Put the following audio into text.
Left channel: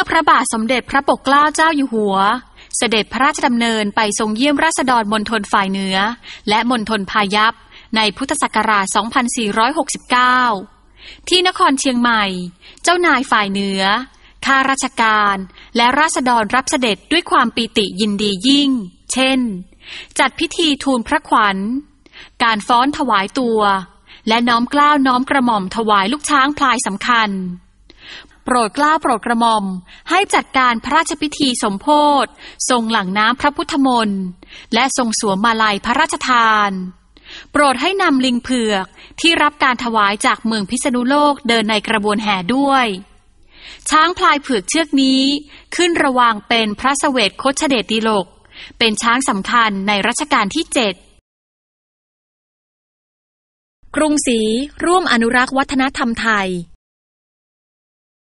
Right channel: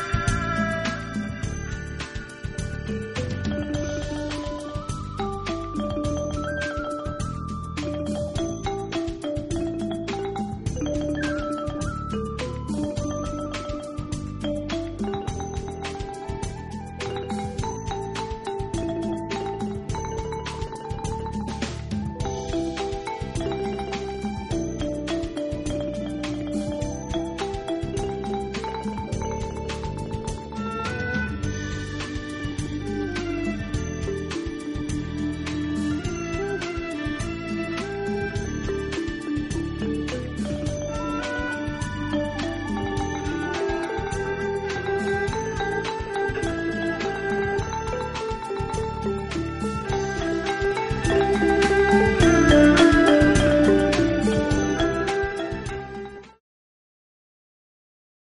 มื่อพระบาทสมเด็จพระปกเกล้าเจ้าอยู่หัว เสด็จพระราชดำเนินไปทรงเยี่ยมราษฎรมณฑลฝ่ายเหนือ และมณฑลพายัพในพุทธศักราช 2469 ที่นครเชียงใหม่ เจ้านายฝ่ายเหนือ ข้าราชการ และราษฎรรับเสด็จด้วยความปีติยินดียิ่ง เช่น จัดพิธีทูลพระขวัญ การฟ้อนถวายตัว และน้อมกล้าวน้อมกระหม่อมถวายลูกช้างพลายสำคัญ โปรดกล้าโปรดกระหม่อม ให้จัดการพระราชพิธีสมโพธิทรงหลังน้ำพระพุทธมนต์และทรงสวมมาลัยพระราชทาน โปรดให้นำลิงเผือกที่รับการถวายจากเมืองพิษณุโลกเดินในกระบวนแห่ด้วย ช้างพลายเผือกเชือกนี้ขึ้นระวางเป็นพระเสวตโคชเดชดีโลก เป็นช้างสำคัญในรัชกาลที่ 7 กรุงศรีร่วมอนุรักษ์วัฒนธรรมไทย